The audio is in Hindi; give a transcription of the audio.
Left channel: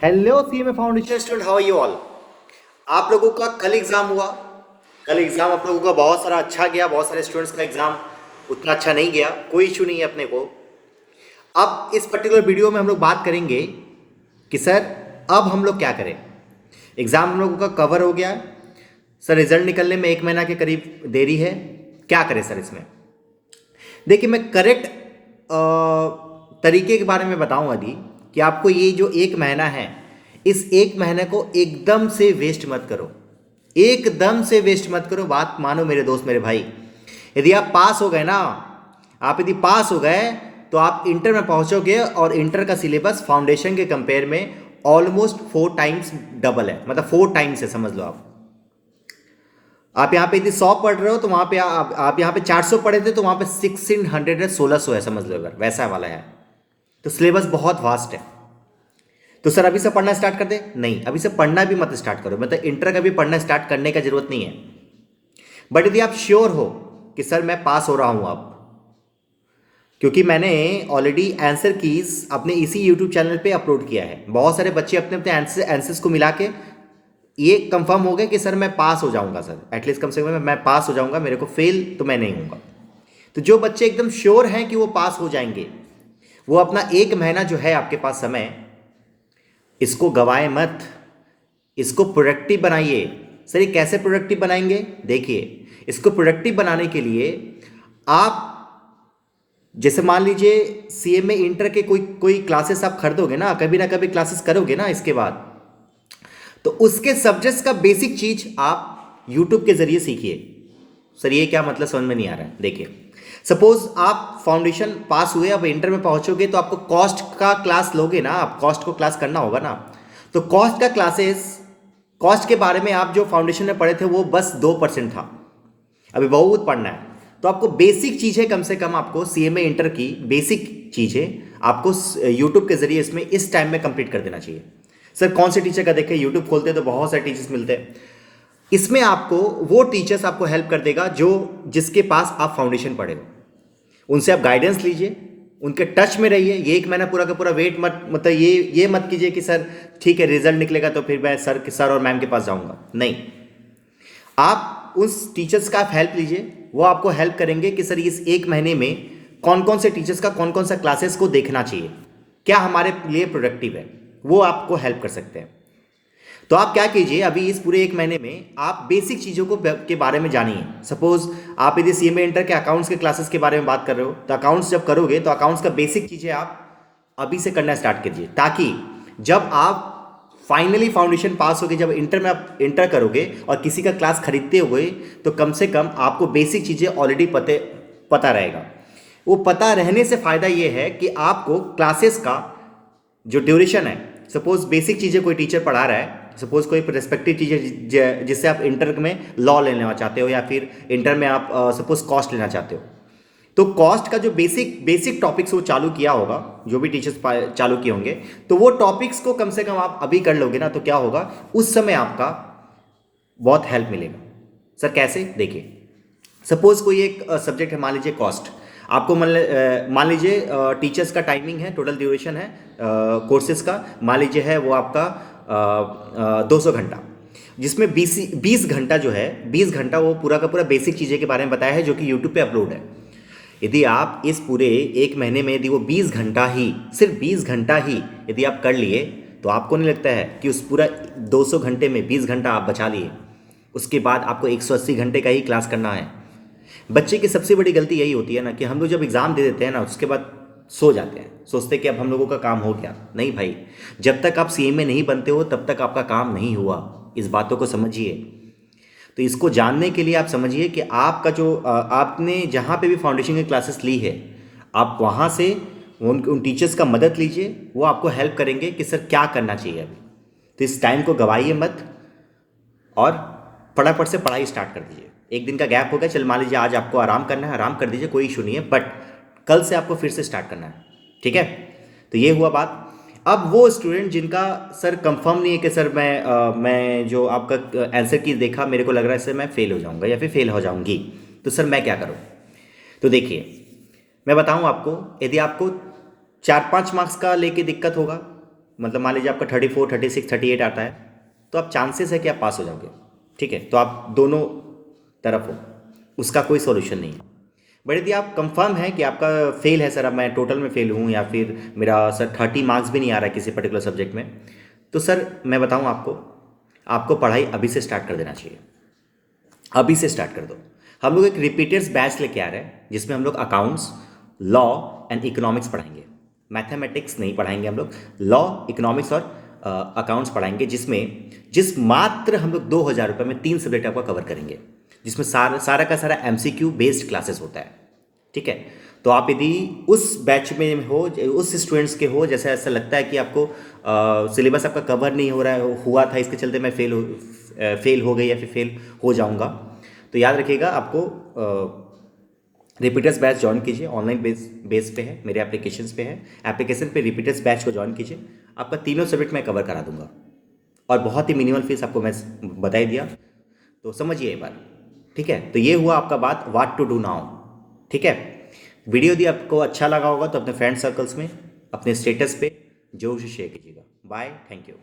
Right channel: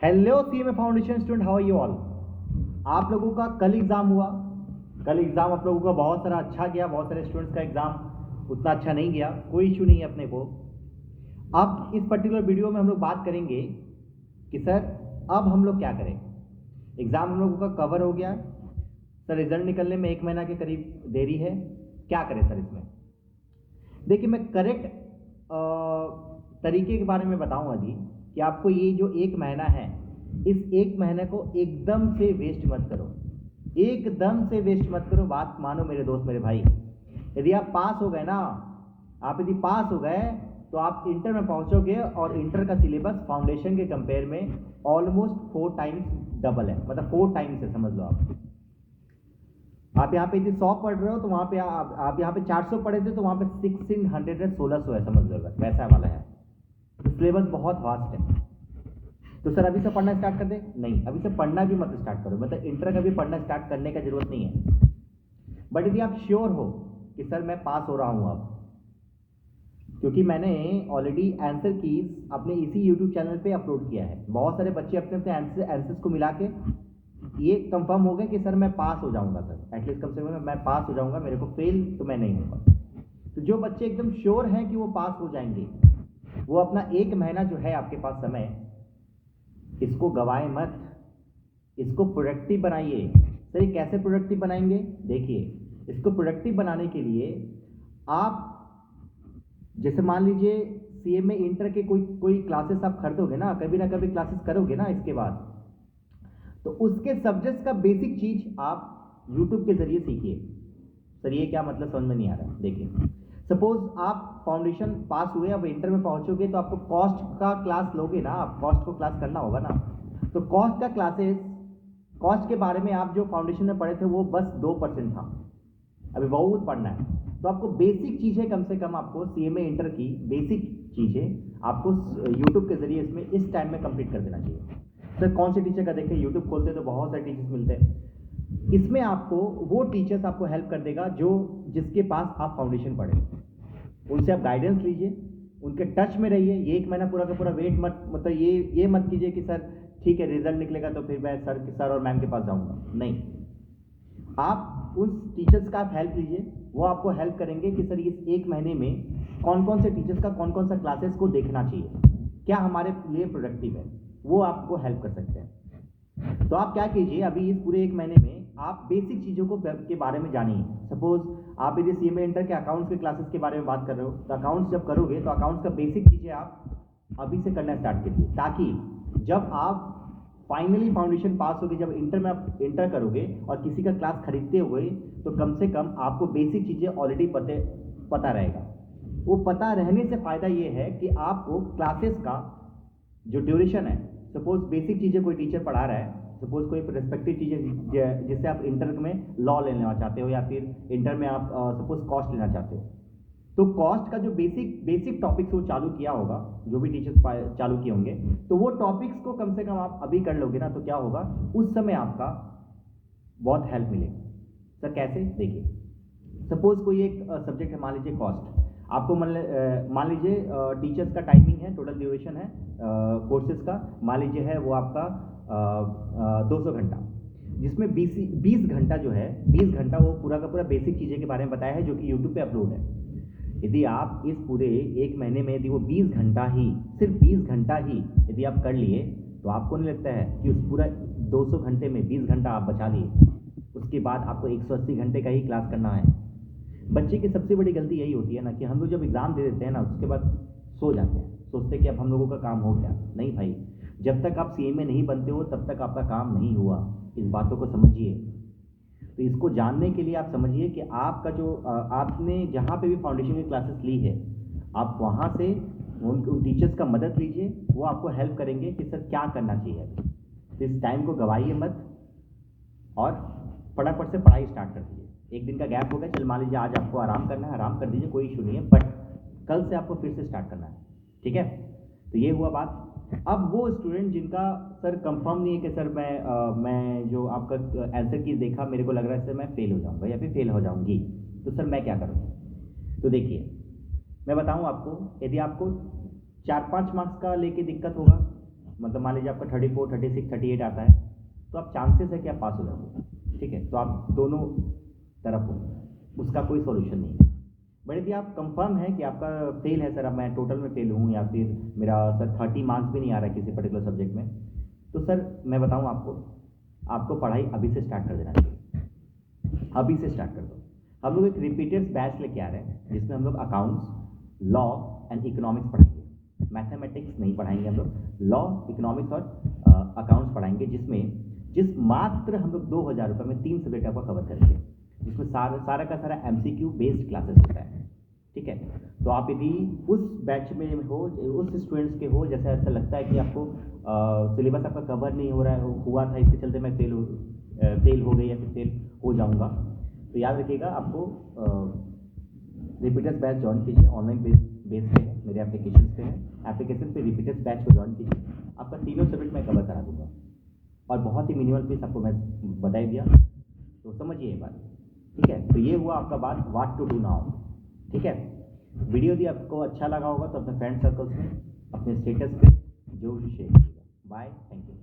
Hello CMA foundation student, how are you all. आप लोगों का कल एग्ज़ाम हुआ। कल एग्ज़ाम आप लोगों का बहुत सारा अच्छा गया, बहुत सारे स्टूडेंट्स का एग्ज़ाम उतना अच्छा नहीं गया। कोई इशू नहीं है अपने को। अब इस पर्टिकुलर वीडियो में हम लोग बात करेंगे कि सर अब हम लोग क्या करें। एग्ज़ाम हम लोगों का कवर हो गया सर, रिजल्ट निकलने में 1 महीना के करीब देरी है। क्या करें सर इसमें। देखिए, मैं करेक्ट तरीके के बारे में बताऊं अभी कि आपको ये जो 1 महीना है, इस 1 महीने को एकदम से वेस्ट मत करो। एकदम से वेस्ट मत करो। बात मानो मेरे दोस्त, मेरे भाई। यदि आप पास हो गए ना, आप यदि पास हो गए तो आप इंटर में पहुंचोगे और इंटर का सिलेबस फाउंडेशन के कंपेयर में ऑलमोस्ट 4 टाइम्स डबल है, मतलब 4 टाइम्स है, समझ लो आप यहाँ पे यदि 100 पढ़ रहे हो तो वहाँ पे आप यहाँ पे 400 पढ़े थे तो वहाँ पे 1600 है, 1600 है, समझ लो अगर वैसा वाला है। तो सिलेबस बहुत वास्ट है। तो सर अभी से पढ़ना स्टार्ट कर दे? नहीं, अभी से पढ़ना भी मत स्टार्ट करो, मतलब इंटर का भी पढ़ना स्टार्ट करने का जरूरत नहीं है। बट यदि आप श्योर हो कि सर मैं पास हो रहा हूँ अब, क्योंकि मैंने ऑलरेडी आंसर कीज अपने इसी यूट्यूब चैनल पे अपलोड किया है। बहुत सारे बच्चे अपने अपने आंसर्स को मिला के ये कंफर्म हो गया कि सर मैं पास हो जाऊंगा, सर एटलीस्ट कम से कम मैं पास हो जाऊंगा, मेरे को फेल तो मैं नहीं हूँगा। तो जो बच्चे एकदम श्योर हैं कि वो पास हो जाएंगे, वो अपना 1 महीना जो है आपके पास समय, इसको गवाए मत, इसको प्रोडक्टिव बनाइए। सर ये कैसे प्रोडक्टिव बनाएंगे? देखिए, इसको प्रोडक्टिव बनाने के लिए आप जैसे मान लीजिए सीएमए इंटर के कोई कोई क्लासेस आप खरीदोगे ना कभी क्लासेस करोगे ना इसके बाद, तो उसके सब्जेक्ट्स का बेसिक चीज आप यूट्यूब के जरिए सीखिए। सर ये क्या मतलब, समझ में नहीं आ रहा है। देखिए, सपोज आप फाउंडेशन पास हुए, अब इंटर में पहुंचोगे तो आपको कॉस्ट का क्लास लोगे ना, आप कॉस्ट को क्लास करना होगा ना। तो कॉस्ट का क्लासेस, कॉस्ट के बारे में आप जो फाउंडेशन में पढ़े थे वो बस 2% था, अभी बहुत पढ़ना है। तो आपको बेसिक चीज़ें, कम से कम आपको सीएमए इंटर की बेसिक चीज़ें आपको यूट्यूब के जरिए इसमें इस टाइम में कंप्लीट कर देना चाहिए। सर कौन से टीचर का? देखें, यूट्यूब खोलते तो बहुत सारे टीचर्स मिलते हैं। इसमें आपको वो टीचर्स आपको हेल्प कर देगा जो जिसके पास आप फाउंडेशन पढ़े हो, उनसे आप गाइडेंस लीजिए, उनके टच में रहिए। ये 1 महीना पूरा का पूरा वेट मत, मतलब ये मत कीजिए कि सर ठीक है रिजल्ट निकलेगा तो फिर मैं सर और मैम के पास जाऊंगा। नहीं, आप उस टीचर्स का आप हेल्प लीजिए। वो आपको हेल्प करेंगे कि सर इस 1 महीने में कौन कौन से टीचर्स का कौन कौन सा क्लासेस को देखना चाहिए, क्या हमारे लिए प्रोडक्टिव है, वो आपको हेल्प कर सकते हैं। तो आप क्या कीजिए, अभी इस पूरे 1 महीने में आप बेसिक चीज़ों को के बारे में जानिए। सपोज आप यदि सीएमए इंटर के अकाउंट्स के क्लासेस के बारे में बात कर रहे हो, तो अकाउंट्स जब करोगे तो अकाउंट्स का बेसिक चीज़ें आप अभी से करना स्टार्ट कीजिए, ताकि जब आप फाइनली फाउंडेशन पास होगी, जब इंटर में आप इंटर करोगे और किसी का क्लास खरीदते हुए, तो कम से कम आपको बेसिक चीज़ें ऑलरेडी पता रहेगा। वो पता रहने से फ़ायदा ये है कि आपको क्लासेस का जो ड्यूरेशन है, सपोज बेसिक चीज़ें कोई टीचर पढ़ा रहा है, सपोज कोई रेस्पेक्टिव टीचर जिससे आप इंटर में लॉ लेना चाहते हो या फिर इंटर में आप सपोज कॉस्ट लेना चाहते हो, तो कॉस्ट का जो बेसिक बेसिक टॉपिक्स वो चालू किया होगा, जो भी टीचर्स चालू किए होंगे, तो वो टॉपिक्स को कम से कम आप अभी कर लोगे ना, तो क्या होगा, उस समय आपका बहुत हेल्प मिलेगा। सर कैसे? देखिए, सपोज कोई एक सब्जेक्ट है, मान लीजिए कॉस्ट। आपको मान लीजिए टीचर्स का टाइमिंग है, टोटल ड्यूरेशन है कोर्सेज का, मान लीजिए है वो आपका 200 घंटा, जिसमें 20 घंटा जो है, 20 घंटा वो पूरा का पूरा बेसिक चीज़ें के बारे में बताया है, जो कि यूट्यूब पे अपलोड है। यदि आप इस पूरे 1 महीने में यदि वो 20 घंटा ही, सिर्फ 20 घंटा ही यदि आप कर लिए, तो आपको नहीं लगता है कि उस पूरा 200 घंटे में 20 घंटा आप बचा लिए? उसके बाद आपको 180 घंटे का ही क्लास करना है। बच्चे की सबसे बड़ी गलती यही होती है ना कि हम लोग जब एग्ज़ाम दे देते हैं ना, उसके बाद सो जाते हैं, सोचते हैं कि अब हम लोगों का काम हो गया। नहीं भाई, जब तक आप सीएमए नहीं बनते हो तब तक आपका काम नहीं हुआ। इस बातों को समझिए। तो इसको जानने के लिए आप समझिए कि आपका जो आपने जहाँ पे भी फाउंडेशन की क्लासेस ली है, आप वहाँ से उन टीचर्स का मदद लीजिए। वो आपको हेल्प करेंगे कि सर क्या करना चाहिए अभी। तो इस टाइम को गवाइए मत और फटाफट से पढ़ाई स्टार्ट कर दीजिए। एक दिन का गैप हो गया, चल मान लीजिए आज आपको आराम करना है, आराम कर दीजिए, कोई इशू नहीं है, बट कल से आपको फिर से स्टार्ट करना है। ठीक है, तो ये हुआ बात। अब वो स्टूडेंट जिनका सर कंफर्म नहीं है कि सर मैं जो आपका आंसर की देखा, मेरे को लग रहा है सर मैं फेल हो जाऊंगा या फिर फेल हो जाऊंगी, तो सर मैं क्या करूं? तो देखिए, मैं बताऊं आपको, यदि आपको 4-5 मार्क्स का लेके दिक्कत होगा, मतलब मान लीजिए आपका 34, 36, 38 आता है, तो आप चांसेस है कि आप पास हो जाओगे, ठीक है। तो आप दोनों तरफ हो, उसका कोई सॉल्यूशन नहीं है। बट यदि आप कंफर्म है कि आपका फेल है, सर अब मैं टोटल में फेल हूँ, या फिर मेरा सर 30 मार्क्स भी नहीं आ रहा है किसी पर्टिकुलर सब्जेक्ट में, तो सर मैं बताऊँ आपको, आपको पढ़ाई अभी से स्टार्ट कर देना चाहिए। अभी से स्टार्ट कर दो। हम लोग एक रिपीटर्स बैच लेके आ रहे हैं, जिसमें हम लोग अकाउंट्स, लॉ एंड इकोनॉमिक्स पढ़ाएंगे। मैथमेटिक्स नहीं पढ़ाएंगे हम लोग, लॉ, इकोनॉमिक्स और अकाउंट्स पढ़ाएंगे, जिस मात्र हम लोग 2,000 रुपये में 3 सब्जेक्ट आपका कवर करेंगे, जिसमें सारा का सारा MCQ बेस्ड क्लासेस होता है, ठीक है। तो आप यदि उस बैच में हो, उस स्टूडेंट्स के हो, जैसे ऐसा लगता है कि आपको सिलेबस आपका कवर नहीं हो रहा है, हुआ था इसके चलते मैं फेल हो गई या फिर फेल हो जाऊंगा, तो याद रखिएगा आपको रिपीटर्स बैच ज्वाइन कीजिए। ऑनलाइन बेस पे है, मेरे एप्लीकेशंस पे है, एप्लीकेशन पे रिपीटर्स बैच को ज्वाइन कीजिए। आपका तीनों सब्जेक्ट मैं कवर करा दूंगा, और बहुत ही मिनिमल फीस आपको मैं बता ही दिया, तो समझिए एक बार, ठीक है। तो ये हुआ आपका बात व्हाट टू डू नाउ, ठीक है। वीडियो यदि आपको अच्छा लगा होगा तो अपने फ्रेंड सर्कल्स में, अपने स्टेटस पे जरूर से शेयर कीजिएगा। Bye, thank you.